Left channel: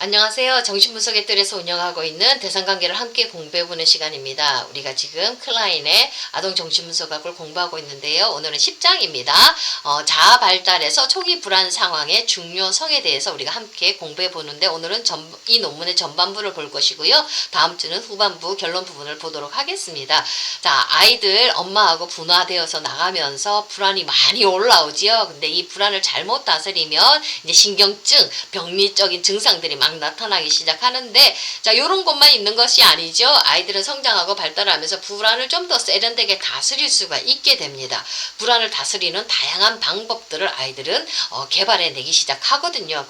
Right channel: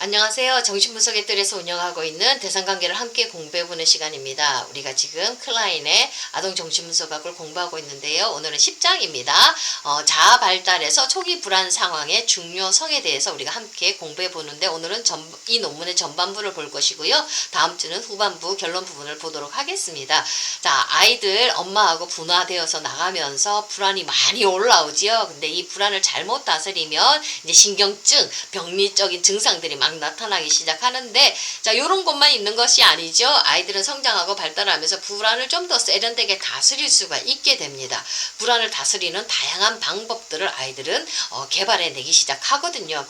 안녕하세요. 정신분석의 뜰에서 운영하고 있는 대상관계를 함께 공부해보는 시간입니다. 우리가 지금 클라인의 아동정신분석학을 공부하고 있는데요. 오늘은 10장입니다. 자아 발달에서 초기 불안 상황의 중요성에 대해서 우리가 함께 공부해보는데 오늘은 이 논문의 전반부를 볼 것이고요. 다음 주는 후반부 결론 부분을 보도록 하겠습니다. 자, 아이들 엄마하고 분화되어서 나가면서 불안이 많이 올라오지요. 근데 이 불안을 잘못 다스리면 이제 신경증, 병리적인 증상들이 막 나타나기 시작하는데, 자, 요런 것만 있는 것이 아니죠. 아이들은 성장하고 발달하면서 불안을 좀 더 세련되게 다스릴 수가 있게 됩니다. 불안을 다스리는 다양한 방법들을 아이들은 개발해내기 시작하거든요.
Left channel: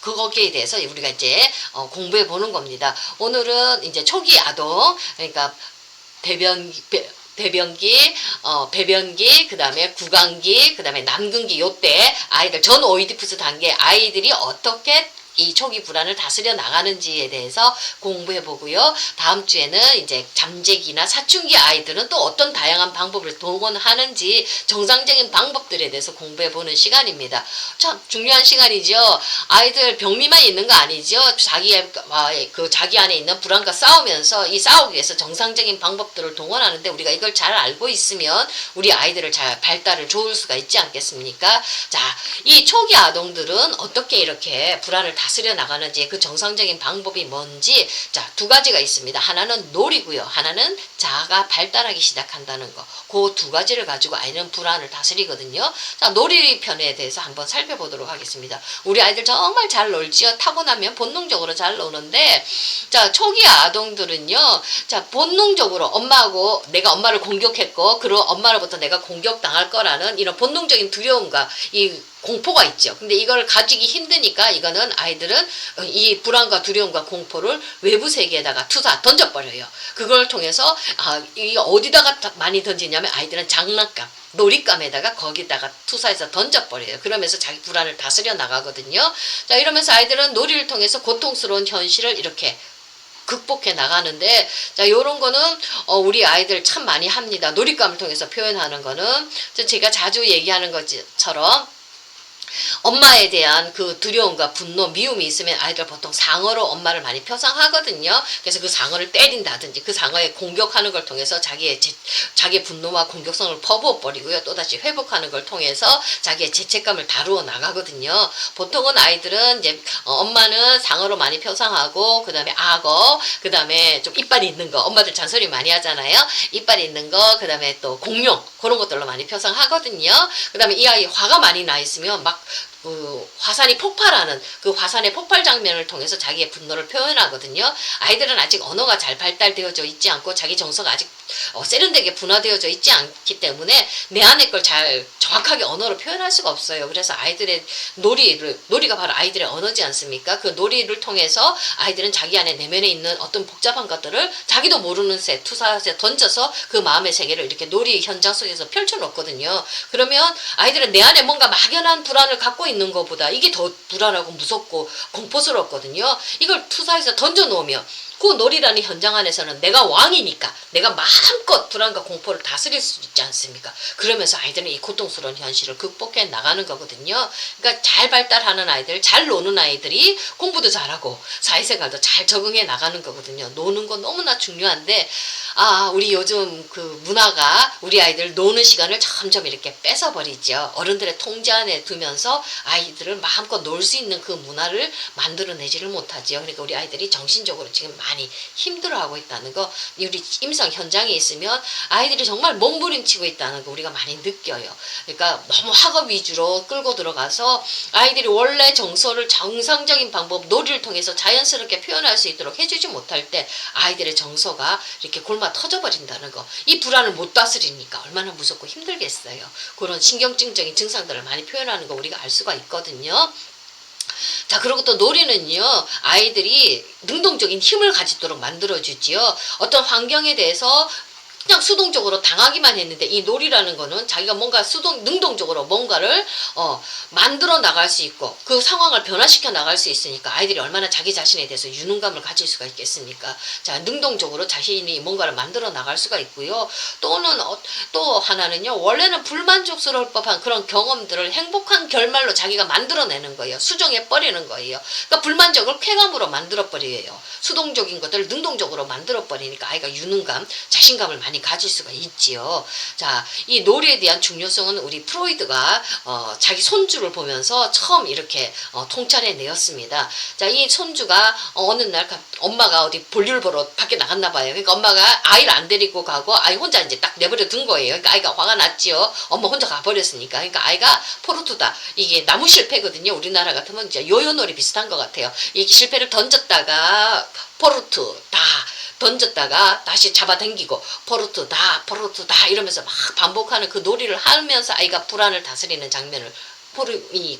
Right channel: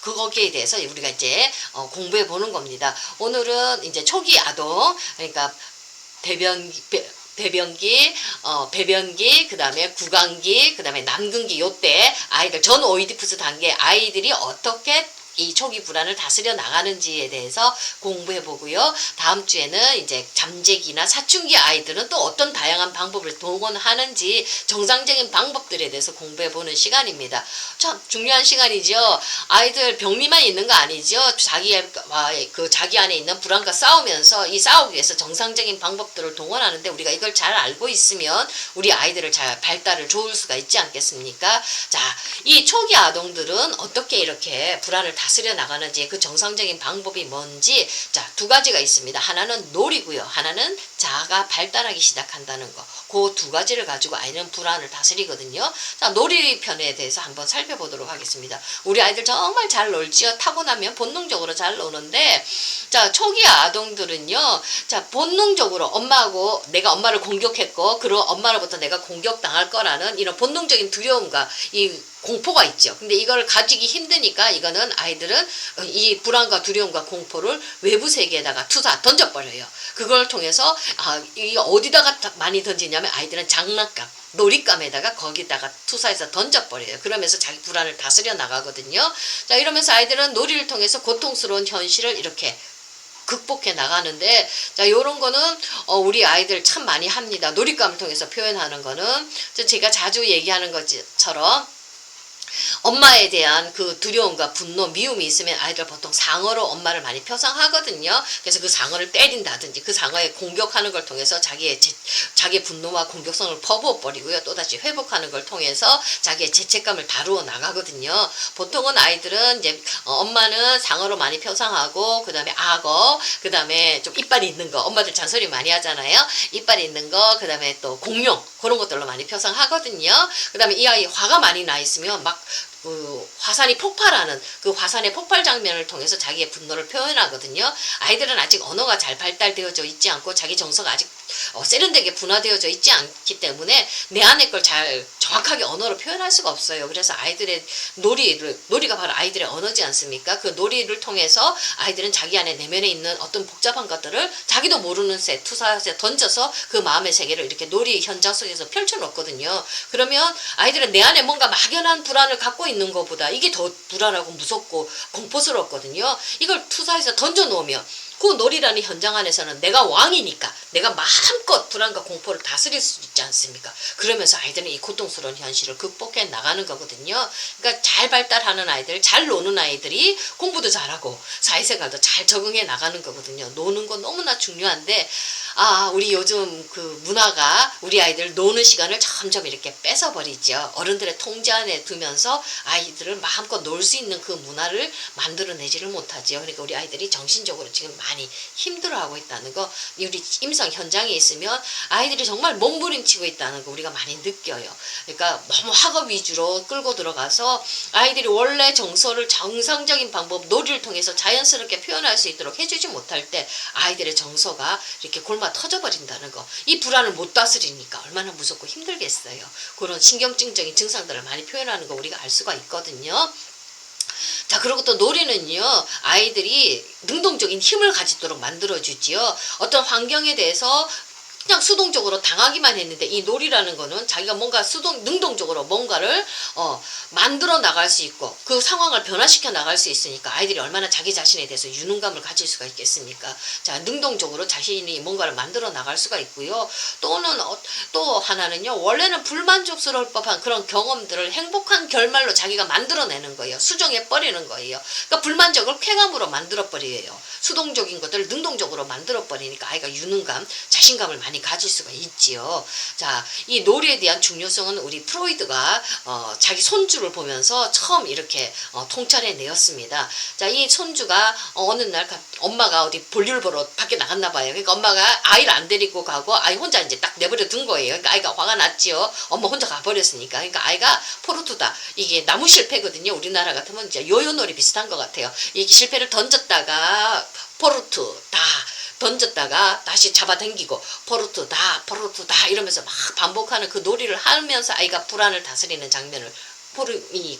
거기에 대해서 우리가 이제 공부해 보는 겁니다. 오늘은 이제 초기 아동, 그러니까 배변기, 배변기, 그 다음에 구강기, 그 다음에 남근기, 요때 아이들 전 오이디푸스 단계 아이들이 어떻게 이 초기 불안을 다스려 나가는지에 대해서 공부해 보고요. 다음 주에는 이제 잠재기나 사춘기 아이들은 또 어떤 다양한 방법을 동원하는지 정상적인 방법들에 대해서 공부해 보는 시간입니다. 참 중요한 시간이죠. 아이들 병리만 있는 거 아니죠. 자기 안에 있는 불안과 싸우면서 이 싸우기 위해서 정상적인 방법들을 동원하는데 우리가 이걸 잘 알고 있으면 우리 아이들을 잘 발달을 좋을 수가 있지 않겠습니까? 자, 이 초기 아동들은 어떻게 이렇게 불안을 다스려 나가는지 그 정상적인 방법이 뭔지, 자, 두 가지가 있습니다. 하나는 놀이고요. 하나는 자아가 발달하기 시작한다는 거. 그 두 가지를 가지고 아이는 불안을 다스리거든요. 자, 놀이 편에 대해서 한번 살펴보도록 하겠습니다. 우리 아이들 정말 잘 놀지요. 타고나면 본능적으로 잘 노는데, 자, 초기 아동들은요, 자, 본능적으로 내가 엄마를 공격했고, 그리고 엄마로부터 내가 공격당할 거라는 이런 본능적인 두려움과 이 공포가 있죠. 근데 이걸 가지기 힘드니까 이거는 아이들은 이 불안과 두려움과 공포를 외부 세계에다가 던져버려요. 그걸 통해서 이 어디다가 많이 던지냐면 아이들은 장난감, 놀잇감에다가 거기다가 투사해서 던져버려요. 그러면서 자기 불안을 다스려 나가거든요. 자, 이러면서 아이들은 놀이를 통해서 고통스러운 현실을 이렇게 극복해 나가는데, 자, 요런 거는 우리 아이들 참 많이 합니다. 놀잇감을 통해서 표현하는 거는 제가 자주 얘기하는 것처럼 엄마에 대한 그 두려움과 분노, 미움이 있으면 아이들 보통 상어로 엄마를 많이 표상하거든요. 그래서 그 상어를 때린다든지 그 상어에 공격하는 걸 통해서 자기의 분노와 공격성을 퍼부어 버리고요. 또다시 회복하는 걸 통해서 자기의 죄책감을 다루어 나가거든요. 보통은 아이들은 이제 엄마는 상어로 많이 표상하고, 그 다음에 악어, 그 다음에 좀 이빨이 있는 거, 엄마들 잔소리 많이 하잖아요. 이빨이 있는 거, 그 다음에 또 공룡, 그런 것들로 많이 표상하거든요. 그 다음에 이 아이 화가 많이 나 있으면 막 화산이 폭발하는 그 화산의 폭발 장면을 통해서 자기의 분노를 표현하거든요. 아이들은 아직 언어가 잘 발달되어져 있지 않고 자기 정서가 아직 세련되게 분화되어져 있지 않기 때문에 내 안의 걸 잘 정확하게 언어로 표현할 수가 없어요. 그래서 아이들의 놀이가 바로 아이들의 언어지 않습니까? 그 놀이를 통해서 아이들은 자기 안에 내면에 있는 어떤 복잡한 것들을 자기도 모르는 새 투사에 던져서 그 마음의 세계를 이렇게 놀이 현장 속에서 펼쳐놓거든요. 그러면 아이들은 내 안에 뭔가 막연한 불안을 갖고 있는 것보다 이게 더 불안하고 무섭고 공포스럽거든요. 이걸 투사해서 던져놓으면 그 놀이라는 현장 안에서는 내가 왕이니까 내가 마음껏 불안과 공포를 다스릴 수 있지 않습니까? 그러면서 아이들은 이 고통스러운 현실을 극복해 나가는 거거든요. 그러니까 잘 발달하는 아이들, 잘 노는 아이들이 공부도 잘하고 사회생활도 잘 적응해 나가는 거거든요. 노는 건 너무나 중요한데, 우리 요즘 그 문화가 우리 아이들 노는 시간을 점점 이렇게 뺏어버리죠. 어른들의 통제 안에 두면서 아이들을 마음껏 놀 수 있는 그 문화를 만들어내지를 못하죠. 그러니까 우리 아이들이 정신적으로 지금 많이 힘들어하고 있다는 거, 우리 임상 현장에 있으면 아이들이 정말 몸부림치고 있다는 거 우리가 많이 느껴요. 그러니까 너무 학업 위주로 끌고 들어가서 아이들이 원래 정서를 정상적인 방법, 놀이를 통해서 자연스럽게 표현할 수 있도록 해주지 못할 때 아이들의 정서가 이렇게 골마 터져버린다는 거, 이 불안을 못 다스리니까 얼마나 무섭고 힘들겠어요. 그런 신경증적인 증상들을 많이 표현하는 거 우리가 알 수가 있거든요. 자, 그리고 또 놀이는요, 아이들이 능동적인 힘을 가지도록 만들어주지요. 어떤 환경에 대해서 그냥 수동적으로 당하기만 했는데 이 놀이라는 거는 자기가 뭔가 능동적으로 뭔가를 만들어 나갈 수 있고 그 상황을 변화시켜 나갈 수 있으니까 아이들이 얼마나 자기 자신에 대해서 유능감을 가질 수가 있겠습니까? 자, 능동적으로 자신이 뭔가를 만들어 나갈 수가 있고요. 또 하나는요. 원래는 불만족스러울 법한 그런 경험들을 행복한 결말로 자기가 만들어내는 거예요. 수정해 버리는 거예요. 그러니까 불만족을 쾌감으로 만들어 버려요. 수동적인 것들을 능동적으로 만들어 버리니까 아이가 유능감, 자신감을 많이 가질 수가 있지요. 자, 이 놀이에 대한 중요성은 우리 프로이드가 자기 손주를 보면서 처음 이렇게 통찰해 내었습니다. 자, 이 손주가 어느 날 엄마가 어디 볼일 보러 밖에 나갔나 봐요. 그러니까 엄마가 아이를 안 데리고 가고 아이 혼자 이제 딱 내버려 둔 거예요. 그러니까 아이가 화가 났지요. 엄마 혼자 가버렸으니까. 그러니까 아이가 포르투다. 이게 나무 실패거든요. 우리나라 같으면 이제 요요놀이 비슷한 것 같아요. 이게 실패를 던졌다가 포르투다. 던졌다가 다시 잡아당기고 포르투다 이러면서 막 반복하는 그 놀이를 하면서 아이가 불안을 다스리는 장면을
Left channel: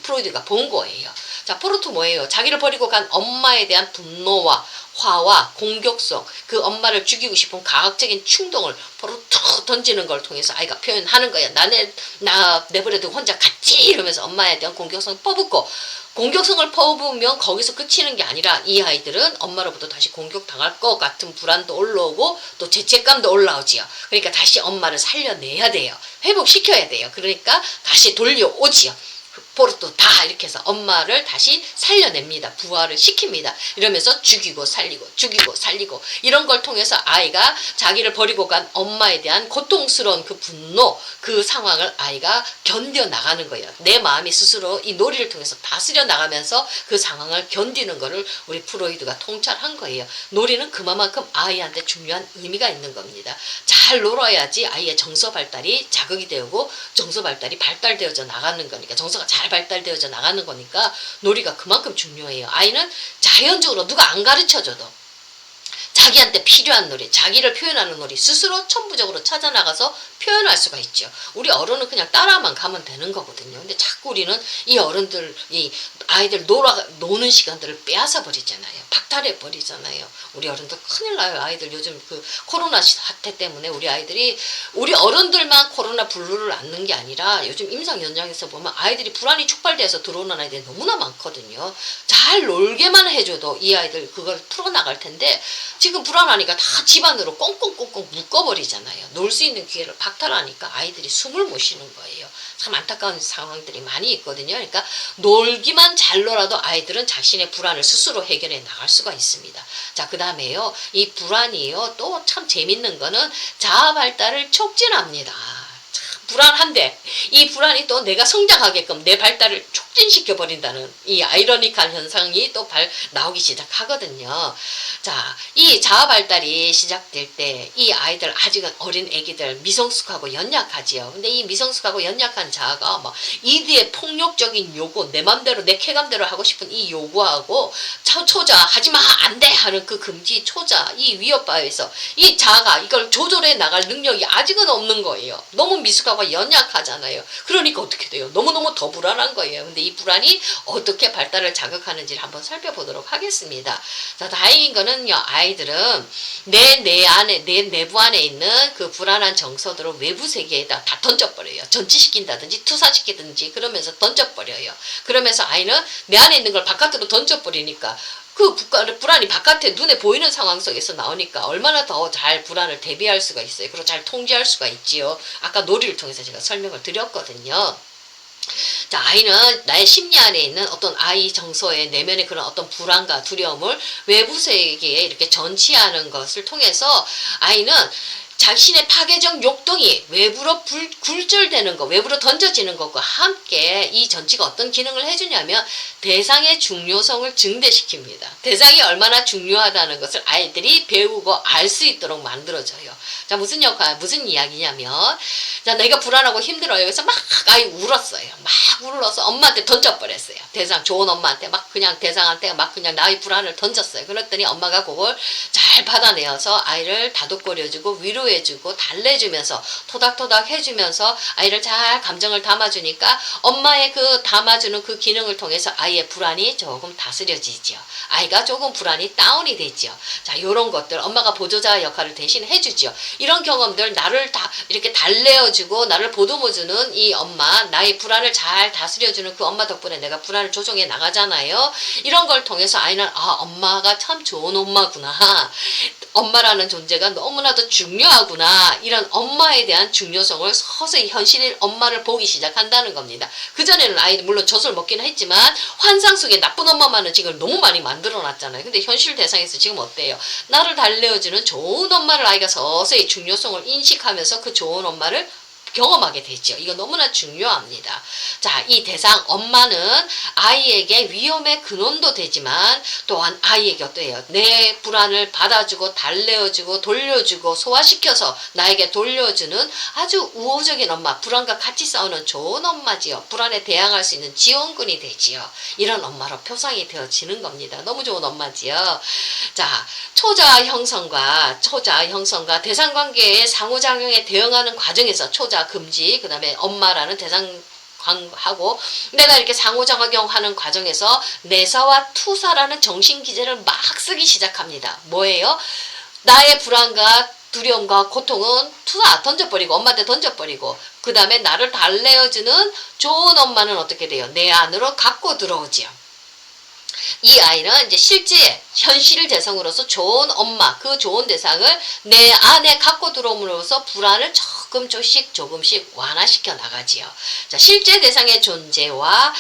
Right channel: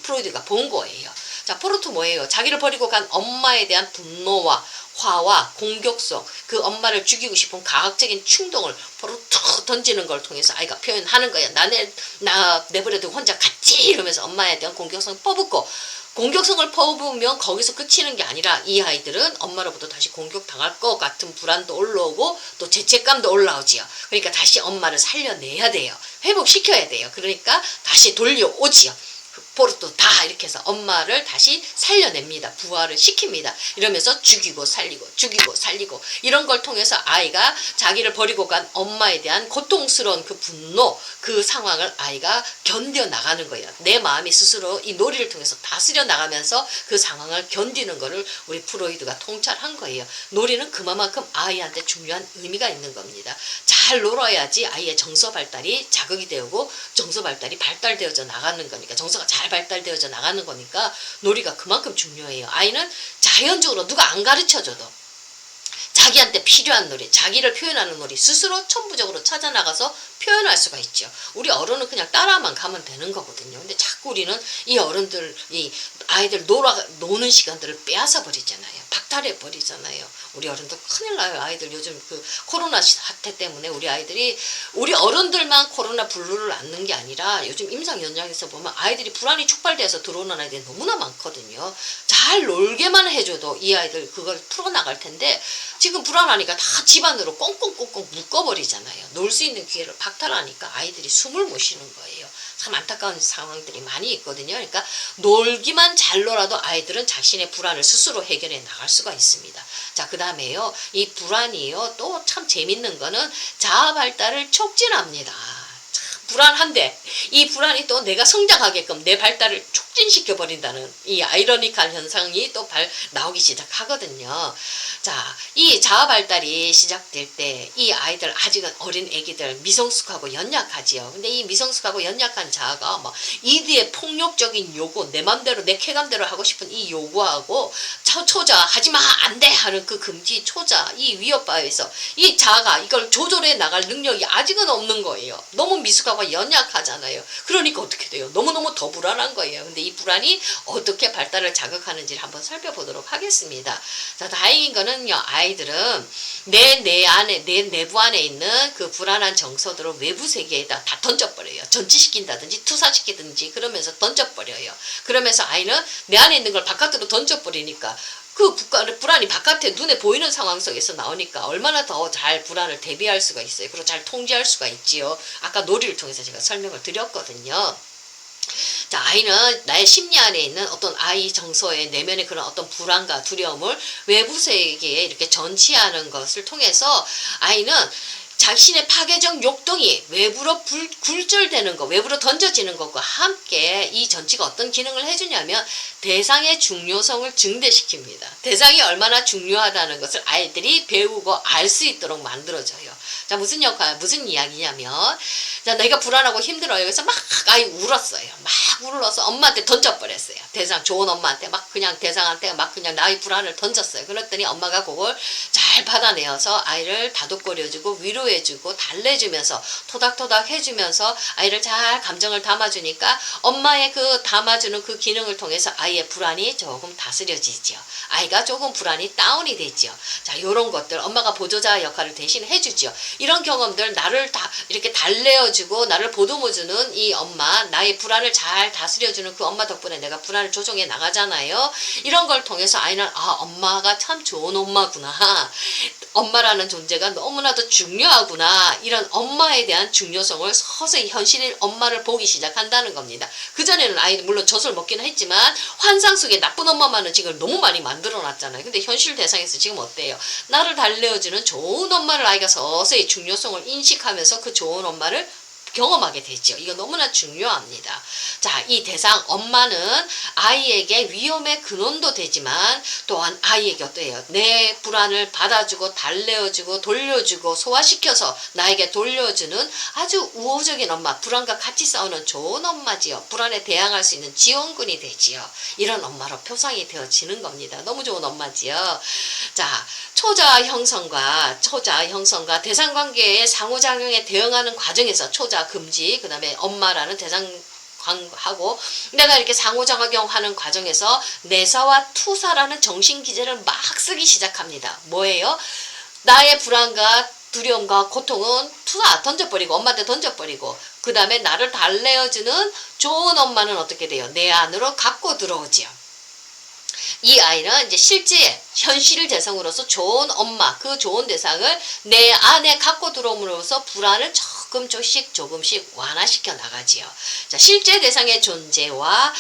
프로이드가 본 거예요. 자, 포르투 뭐예요? 자기를 버리고 간 엄마에 대한 분노와 화와 공격성, 그 엄마를 죽이고 싶은 과학적인 충동을 포르투 던지는 걸 통해서 아이가 표현하는 거야. 나 내버려두고 혼자 갔지 이러면서 엄마에 대한 공격성을 퍼붓고, 공격성을 퍼부으면 거기서 그치는 게 아니라 이 아이들은 엄마로부터 다시 공격당할 것 같은 불안도 올라오고 또 죄책감도 올라오지요. 그러니까 다시 엄마를 살려내야 돼요. 회복시켜야 돼요. 그러니까 다시 돌려오지요. 포르투다 이렇게 해서 엄마를 다시 살려냅니다. 부활을 시킵니다. 이러면서 죽이고 살리고 이런 걸 통해서 아이가 자기를 버리고 간 엄마에 대한 고통스러운 그 분노, 그 상황을 아이가 견뎌나가는 거예요. 내 마음이 스스로 이 놀이를 통해서 다스려 나가면서 그 상황을 견디는 거를 우리 프로이드가 통찰한 거예요. 놀이는 그만큼 아이한테 중요한 의미가 있는 겁니다. 잘 놀아야지 아이의 정서 발달이 자극이 되고 정서 발달이 발달되어져 나가는 거니까, 정서가 잘 발달되어져 나가는 거니까 놀이가 그만큼 중요해요. 아이는 자연적으로 누가 안 가르쳐줘도 자기한테 필요한 놀이, 자기를 표현하는 놀이 스스로 천부적으로 찾아 나가서 표현할 수가 있죠. 우리 어른은 그냥 따라만 가면 되는 거거든요. 근데 자꾸 우리는 이 어른들, 이 아이들 노는 시간들을 빼앗아 버리잖아요. 박탈해 버리잖아요. 우리 어른들 큰일 나요. 아이들 요즘 그 코로나 사태 때문에 우리 어른들만 코로나 블루를 앓는 게 아니라 요즘 임상 현장에서 보면 아이들이 불안이 촉발돼서 들어오는 아이들이 너무나 많거든요. 잘 놀게만 해줘도 이 아이들 그걸 풀어나갈 텐데 지금 불안하니까 다 집안으로 꽁꽁꽁꽁 묶어버리잖아요. 놀 수 있는 기회를 박탈하니까 아이들이 숨을 못 쉬는 거예요. 참 안타까운 상황들이 많이 있거든요. 그러니까 놀기만 잘 놀아도 아이들은 자신의 불안을 스스로 해결해 나갈 수가 있습니다. 자, 그 다음에요. 이 불안이요. 또 참 재밌는 거는 자아 발달을 촉진합니다. 불안한데 이 불안이 또 내가 성장하게끔 내 발달을 촉진시켜 버린다는 이 아이러니컬 현상이 또 나오기 시작하거든요. 자, 이 자아 발달이 시작될 때 이 아이들, 아직은 어린 애기들 미성숙하고 연약하지요. 근데 이 미성숙하고 연약한 자아가 막 이들의 폭력적인 요구, 내 맘대로 내 쾌감대로 하고 싶은 이 요구하고 초자 하지마 안돼 하는 그 금지 초자, 이 위협바에서 이 자아가 이걸 조절해 나갈 능력이 아직은 없는 거예요. 너무 미숙하고 연약하잖아요. 그러니까 어떻게 돼요? 너무너무 더 불안한 거예요. 근데 이 불안이 어떻게 발달을 자극하는지를 한번 살펴보도록 하겠습니다. 자, 다행인 거는요, 아이들은 내 내부 안에 있는 그 불안한 정서들을 외부 세계에다 다 던져버려요. 전치시킨다든지 투사시키든지 그러면서 던져버려요. 그러면서 아이는 내 안에 있는 걸 바깥으로 던져버리니까 그 불안이 바깥에 눈에 보이는 상황 속에서 나오니까 얼마나 더 잘 불안을 대비할 수가 있어요. 그리고 잘 통제할 수가 있지요. 아까 놀이를 통해서 제가 설명을 드렸거든요. 자, 아이는 나의 심리 안에 있는 어떤 아이 정서의 내면의 그런 어떤 불안과 두려움을 외부 세계에 이렇게 전치하는 것을 통해서 아이는 자신의 파괴적 욕동이 외부로 굴절되는 것, 외부로 던져지는 것과 함께 이 전치가 어떤 기능을 해주냐면 대상의 중요성을 증대시킵니다. 대상이 얼마나 중요하다는 것을 아이들이 배우고 알 수 있도록 만들어져요. 자, 무슨 이야기냐면, 자, 내가 불안하고 힘들어요. 그래서 막 아이 울었어요. 막 울어서 엄마한테 던져버렸어요. 좋은 엄마한테 그냥 대상한테 그냥 나의 불안을 던졌어요. 그랬더니 엄마가 그걸 잘 받아내어서 아이를 다독거려주고 위로해주고 달래주면서 토닥토닥 해주면서 아이를 잘 감정을 담아주니까 엄마의 그 담아주는 그 기능을 통해서 아이의 불안이 조금 다스려지죠. 아이가 조금 불안이 다운이 되죠. 자, 요런 것들 엄마가 보조자 역할을 대신 해주죠. 이런 경험들 나를 다 이렇게 달래어주고 나를 보듬어주는 이 엄마, 나의 불안을 잘 다스려주는 그 엄마 덕분에 내가 불안을 조정해 나가잖아요. 이런 걸 통해서 아이는 엄마가 참 좋은 엄마구나. 엄마라는 존재가 너무나도 중요하구나. 이런 엄마에 대한 중요성을 서서히 현실의 엄마를 보기 시작한다는 겁니다. 그전에는 아이는 물론 젖을 먹기는 했지만 환상 속에 나쁜 엄마만은 지금 너무 많이 만들어놨잖아요. 근데 현실 대상에서 지금 어때요? 나를 달래어주는 좋은 엄마를 아이가 서서히 중요성을 인식하면서 그 좋은 엄마를 경험하게 되죠. 이거 너무나 중요합니다. 자, 이 대상 엄마는 아이에게 위험의 근원도 되지만 또한 아이에게 어때요? 내 불안을 받아주고 달래어주고 돌려주고 소화시켜서 나에게 돌려주는 아주 우호적인 엄마, 불안과 같이 싸우는 좋은 엄마지요. 불안에 대항할 수 있는 지원군이 되지요. 이런 엄마로 표상이 되어지는 겁니다. 너무 좋은 엄마지요. 자, 초자아 형성과 대상관계의 상호작용에 대응하는 과정에서 초자 금지, 그 다음에 엄마라는 대상하고 내가 이렇게 상호작용하는 과정에서 내사와 투사라는 정신기제를 막 쓰기 시작합니다. 뭐예요? 나의 불안과 두려움과 고통은 투사 던져버리고 엄마한테 던져버리고 그 다음에 나를 달래어주는 좋은 엄마는 어떻게 돼요? 내 안으로 갖고 들어오지요. 이 아이는 이제 실제 현실 대상으로서 좋은 엄마, 그 좋은 대상을 내 안에 갖고 들어옴으로써 불안을 조금씩 완화시켜 나가지요. 자, 실제 대상의 존재와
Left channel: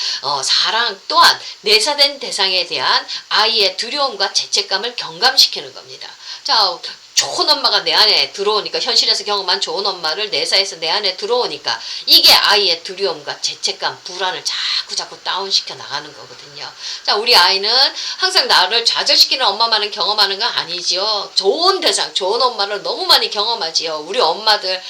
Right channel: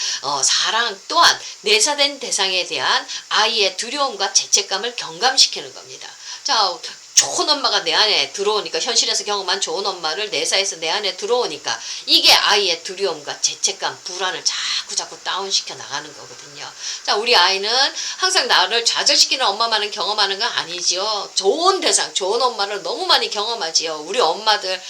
사랑 또한 내사된 대상에 대한 아이의 두려움과 죄책감을 경감시키는 겁니다. 자, 좋은 엄마가 내 안에 들어오니까 현실에서 경험한 좋은 엄마를 내사해서 내 안에 들어오니까 이게 아이의 두려움과 죄책감, 불안을 자꾸 다운시켜 나가는 거거든요. 자, 우리 아이는 항상 나를 좌절시키는 엄마만은 경험하는 건 아니지요. 좋은 대상, 좋은 엄마를 너무 많이 경험하지요. 우리 엄마들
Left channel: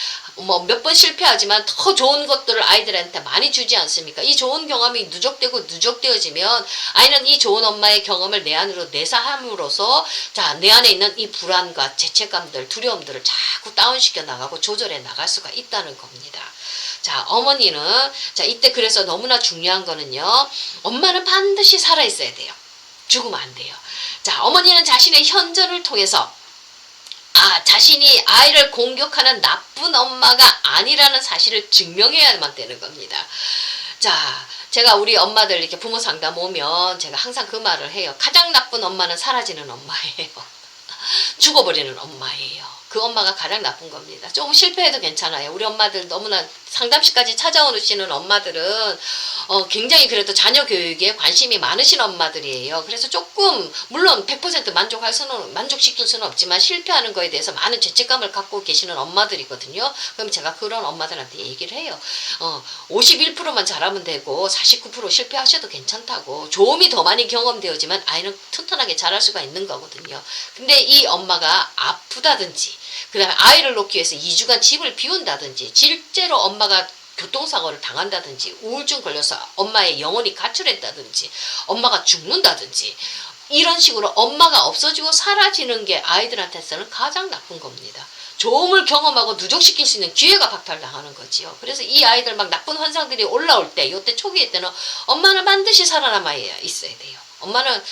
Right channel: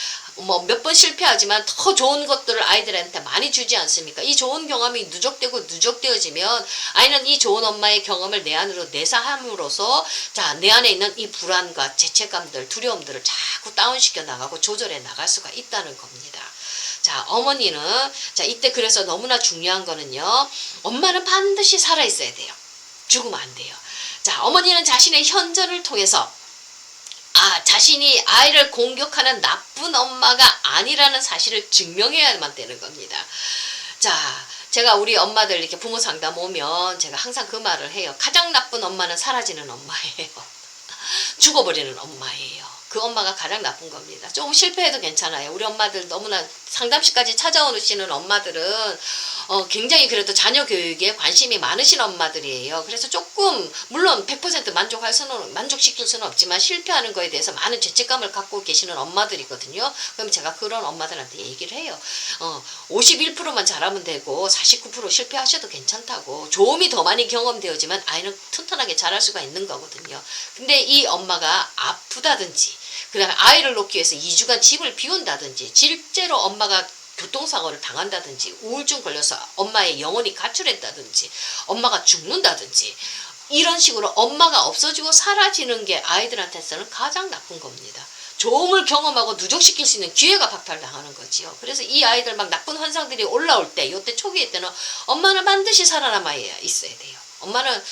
몇 번 실패하지만 더 좋은 것들을 아이들한테 많이 주지 않습니까? 이 좋은 경험이 누적되어지면 아이는 이 좋은 엄마의 경험을 내 안으로 내사함으로써 자, 내 안에 있는 이 불안과 죄책감들, 두려움들을 자꾸 다운시켜 나가고 조절해 나갈 수가 있다는 겁니다. 자, 어머니는 자, 이때 그래서 너무나 중요한 거는요. 엄마는 반드시 살아 있어야 돼요. 죽으면 안 돼요. 자, 어머니는 자신의 현존을 통해서 자신이 아이를 공격하는 나쁜 엄마가 아니라는 사실을 증명해야만 되는 겁니다. 자, 제가 우리 엄마들 이렇게 부모 상담 오면 제가 항상 그 말을 해요. 가장 나쁜 엄마는 사라지는 엄마예요. 죽어버리는 엄마예요. 그 엄마가 가장 나쁜 겁니다. 조금 실패해도 괜찮아요. 우리 엄마들 너무나 상담실까지 찾아오시는 엄마들은 굉장히 그래도 자녀 교육에 관심이 많으신 엄마들이에요. 그래서 조금 물론 100% 만족시킬 수는 없지만 실패하는 거에 대해서 많은 죄책감을 갖고 계시는 엄마들이거든요. 그럼 제가 그런 엄마들한테 얘기를 해요. 51%만 잘하면 되고 49% 실패하셔도 괜찮다고. 좋음이 더 많이 경험되어지만 아이는 튼튼하게 자랄 수가 있는 거거든요. 근데 이 엄마가 아프다든지 그 다음에 아이를 놓기 위해서 2주간 집을 비운다든지 실제로 엄마가 교통사고를 당한다든지 우울증 걸려서 엄마의 영혼이 가출했다든지 엄마가 죽는다든지 이런 식으로 엄마가 없어지고 사라지는 게 아이들한테서는 가장 나쁜 겁니다. 좋음을 경험하고 누적시킬 수 있는 기회가 박탈당하는 거지요. 그래서 이 아이들 막 나쁜 환상들이 올라올 때 이때 초기에 때는 엄마는 반드시 살아남아야 있어야 돼요. 엄마는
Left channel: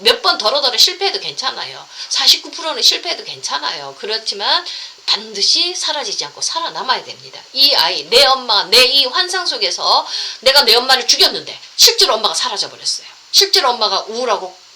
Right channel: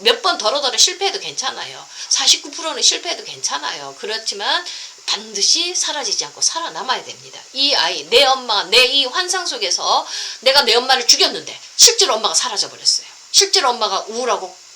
몇 번 더러더러 실패해도 괜찮아요. 49%는 실패해도 괜찮아요. 그렇지만 반드시 사라지지 않고 살아남아야 됩니다. 이 아이, 내 엄마가 내 이 환상 속에서 내가 내 엄마를 죽였는데 실제로 엄마가 사라져버렸어요. 실제로 엄마가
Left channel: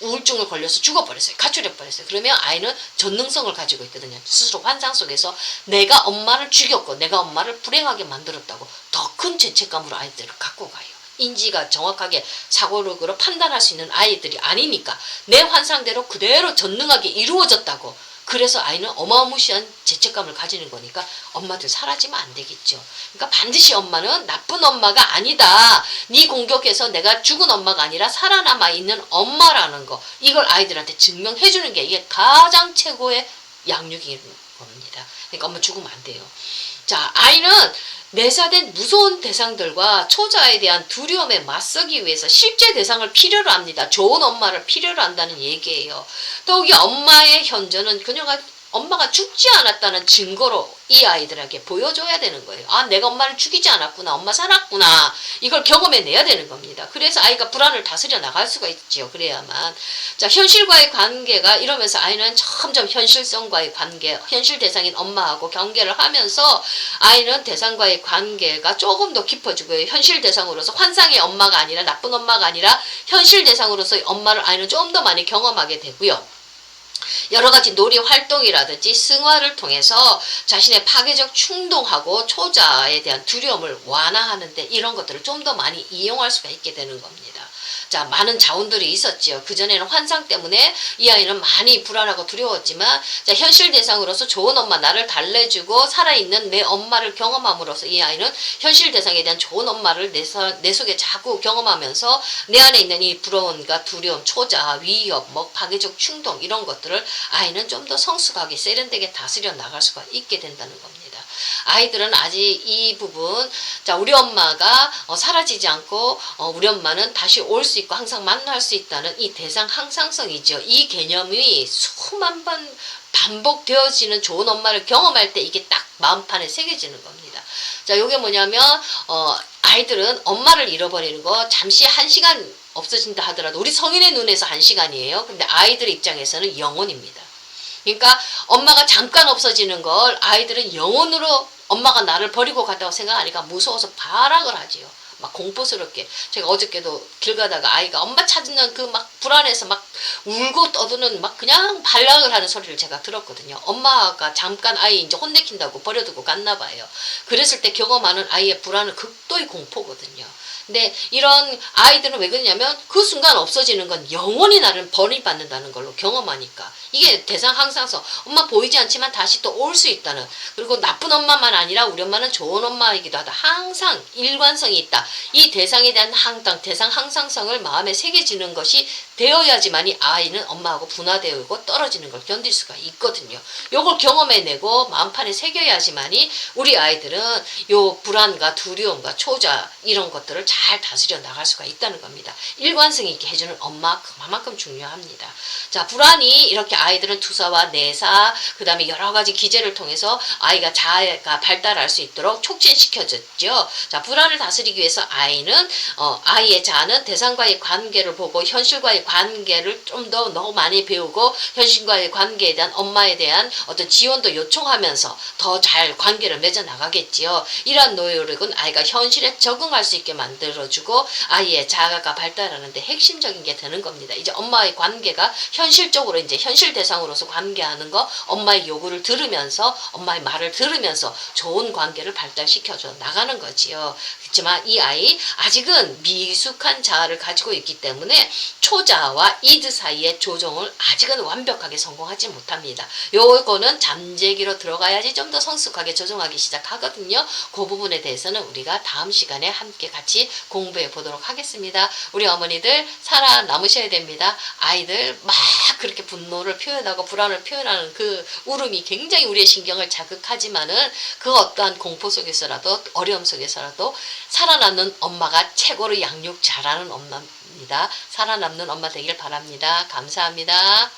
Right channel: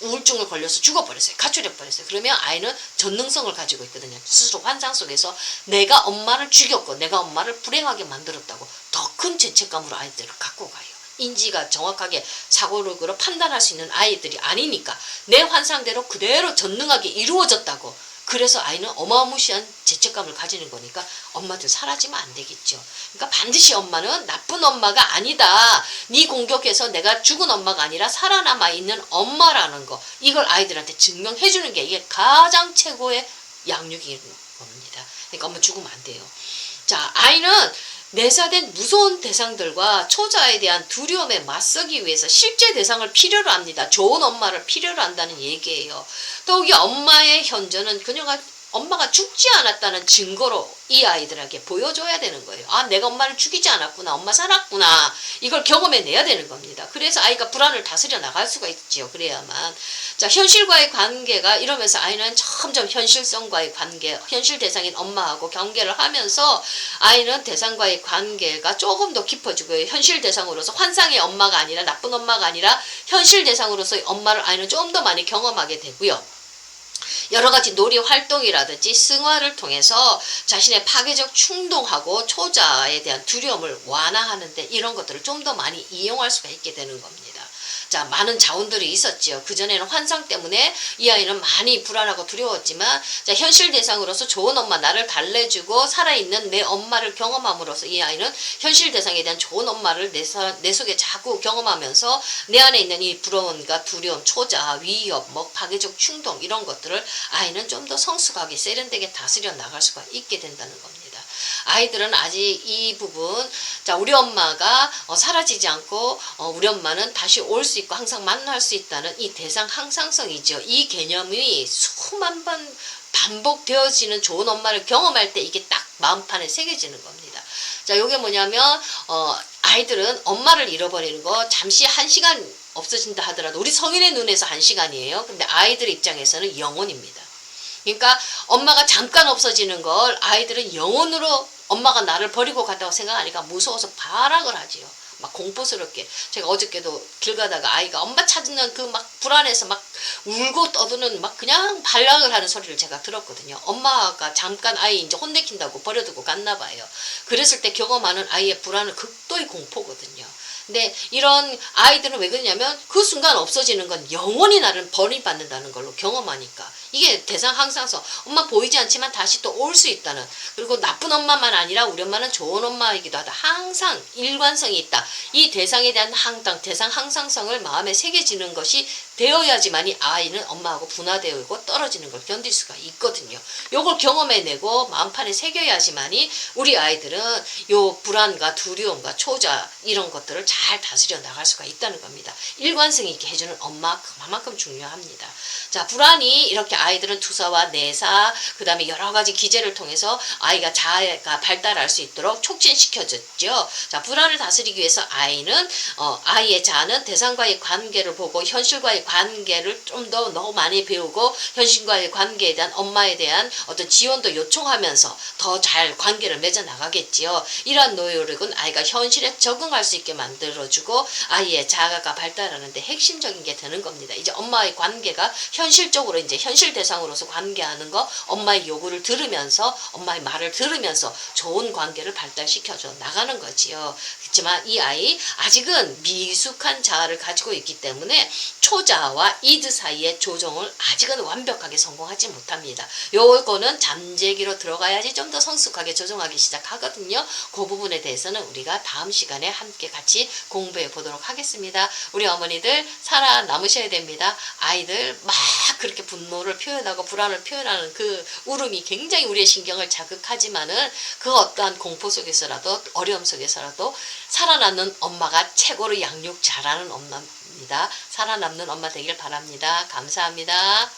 우울증을 걸려서 죽어버렸어요. 가출해버렸어요. 그러면 아이는 전능성을 가지고 있거든요. 스스로 환상 속에서 내가 엄마를 죽였고 내가 엄마를 불행하게 만들었다고 더 큰 죄책감으로 아이들을 갖고 가요. 인지가 정확하게 사고력으로 판단할 수 있는 아이들이 아니니까 내 환상대로 그대로 전능하게 이루어졌다고. 그래서 아이는 어마무시한 죄책감을 가지는 거니까 엄마들 사라지면 안 되겠죠. 그러니까 반드시 엄마는 나쁜 엄마가 아니다. 네 공격해서 내가 죽은 엄마가 아니라 살아남아 있는 엄마라는 거. 이걸 아이들한테 증명해 주는 게 이게 가장 최고의 양육인 겁니다. 그러니까 엄마 죽으면 안 돼요. 자, 아이는 내사된 무서운 대상들과 초자에 대한 두려움에 맞서기 위해서 실제 대상을 필요로 합니다. 좋은 엄마를 필요로 한다는 얘기예요. 더욱이 엄마의 현존은 그녀가 엄마가 죽지 않았다는 증거로 이 아이들에게 보여줘야 되는 거예요. 아, 내가 엄마를 죽이지 않았구나. 엄마 살았구나. 이걸 경험해내야 되는 겁니다. 그래서 아이가 불안을 다스려 나갈 수가 있지요. 그래야만. 자, 현실과의 관계가 이러면서 아이는 점점 현실성과의 관계, 현실 대상인 엄마하고 경계를 하면서 아이는 대상과의 관계가 조금 더 깊어지고요. 현실 대상으로서 환상의 엄마가 아니라 나쁜 엄마가 아니라 현실 대상으로서의 엄마를 아이는 좀 더 많이 경험하게 되고요. 여러 가지 놀이 활동이라든지 승화를 통해서 자신의 파괴적 충동하고 초자에 대한 두려움을 완화하는데 이런 것들을 좀 더 많이 이용할 수가 있게 되는 겁니다. 자, 많은 자원들이 있었지요. 그전에는 환상 때문에 이 아이는 많이 불안하고 두려웠지만, 자, 현실 대상으로서 좋은 엄마, 나를 달래주고 살아있는 내 엄마를 경험함으로써 이 아이는 현실 대상에 대한 좋은 엄마를 내 속에 자꾸 경험하면서 내 안에 있는 이 불안과 두려움, 초자, 위협, 뭐 파괴적 충동 이런 것들을 아이는 좀 더 성숙하게 세련되게 다스려 나갈 수가 있게 된다는 겁니다. 아이들은 아직 이 부분, 자, 우리 엄마가 사라지지 않고 우리 엄마는 다시 올 수 있고 항상 만날 수 있다는 이 대상 항상성이죠. 이 개념이 수만 번 반복되어지는 좋은 엄마를 경험할 때 이게 딱 마음판에 새겨지는 겁니다. 자, 요게 뭐냐면 아이들은 엄마를 잃어버리는 거 잠시 1시간 없어진다 하더라도 우리 성인의 눈에서 1시간이에요. 근데 아이들의 입장에서는 영혼입니다. 그러니까 엄마가 잠깐 없어지는 걸 아이들은 영혼으로 엄마가 나를 버리고 갔다고 생각하니까 무서워서 발악을 하지요. 막 공포스럽게. 제가 어저께도 길 가다가 아이가 엄마 찾는 그 막 불안해서 막 울고 떠드는 막 그냥 발락을 하는 소리를 제가 들었거든요. 엄마가 잠깐 아이 이제 혼내킨다고 버려두고 갔나 봐요. 그랬을 때 경험하는 아이의 불안은 극도의 공포거든요. 근데 이런 아이들은 왜 그러냐면 그 순간 없어지는 건 영원히 나를 버림받는다는 걸로 경험하니까 이게 대상 항상성. 엄마 보이지 않지만 다시 또 올 수 있다는. 그리고 나쁜 엄마만 아니라 우리 엄마는 좋은 엄마이기도 하다. 항상 일관성이 있다. 이 대상에 대한 대상 항상성을 마음에 새겨지는 것이 되어야지만이 아이는 엄마하고 분화되고 떨어지는 걸 견딜 수가 있거든요. 요걸 경험해내고 마음판에 새겨야지만이 우리 아이들은 요 불안과 두려움과 초자 이런 것들을 잘 다스려 나갈 수가 있다는 겁니다. 일관성 있게 해주는 엄마 그만큼 중요합니다. 자, 불안이 이렇게 아이들은 투사와 내사 그 다음에 여러 가지 기제를 통해서 아이가 자아가 발달할 수 있도록 촉진시켜줬죠. 자, 불안을 다스리기 위해서 아이는 아이의 자아는 대상과의 관계를 보고 현실과의 관계를 좀 더 너무 많이 배우고 현실과의 관계에 대한 엄마에 대한 어떤 지원도 요청하면서 더 잘 관계를 맺어 나가겠지요. 이러한 노력은 아이가 현실에 적응할 수 있게 만들어주고 아이의 자아가 발달하는데 핵심적인 게 되는 겁니다. 이제 엄마의 관계가 현실적으로 이제 현실 대상으로서 관계하는 거 엄마의 요구를 들으면서 엄마의 말을 들으면서 좋은 관계를 발달시켜줘 나가는 거지요. 그렇지만 이 아이 아직은 미숙한 자아를 가지고 있기 때문에 초자아와 이드 사이의 조정을 아직은 완벽하게 성공하지 못합니다. 요거는 잠재기로 들어가야지 좀 더 성숙하게 조정하기 시작하거든요. 그 부분에 대해서는 우리가 다음 시간에 함께 같이 공부해 보도록 하겠습니다. 우리 어머니들 살아남으셔야 됩니다. 아이들 막 그렇게 분노를 표현하고 불안을 표현하는 그 울음이 굉장히 우리의 신경을 자극하지만은 그 어떠한 공포 속에서라도 어려움 속에서라도 살아남는 엄마가 최고로 양육 잘하는 엄마입니다. 살아남는 엄마 되길 바랍니다. 감사합니다.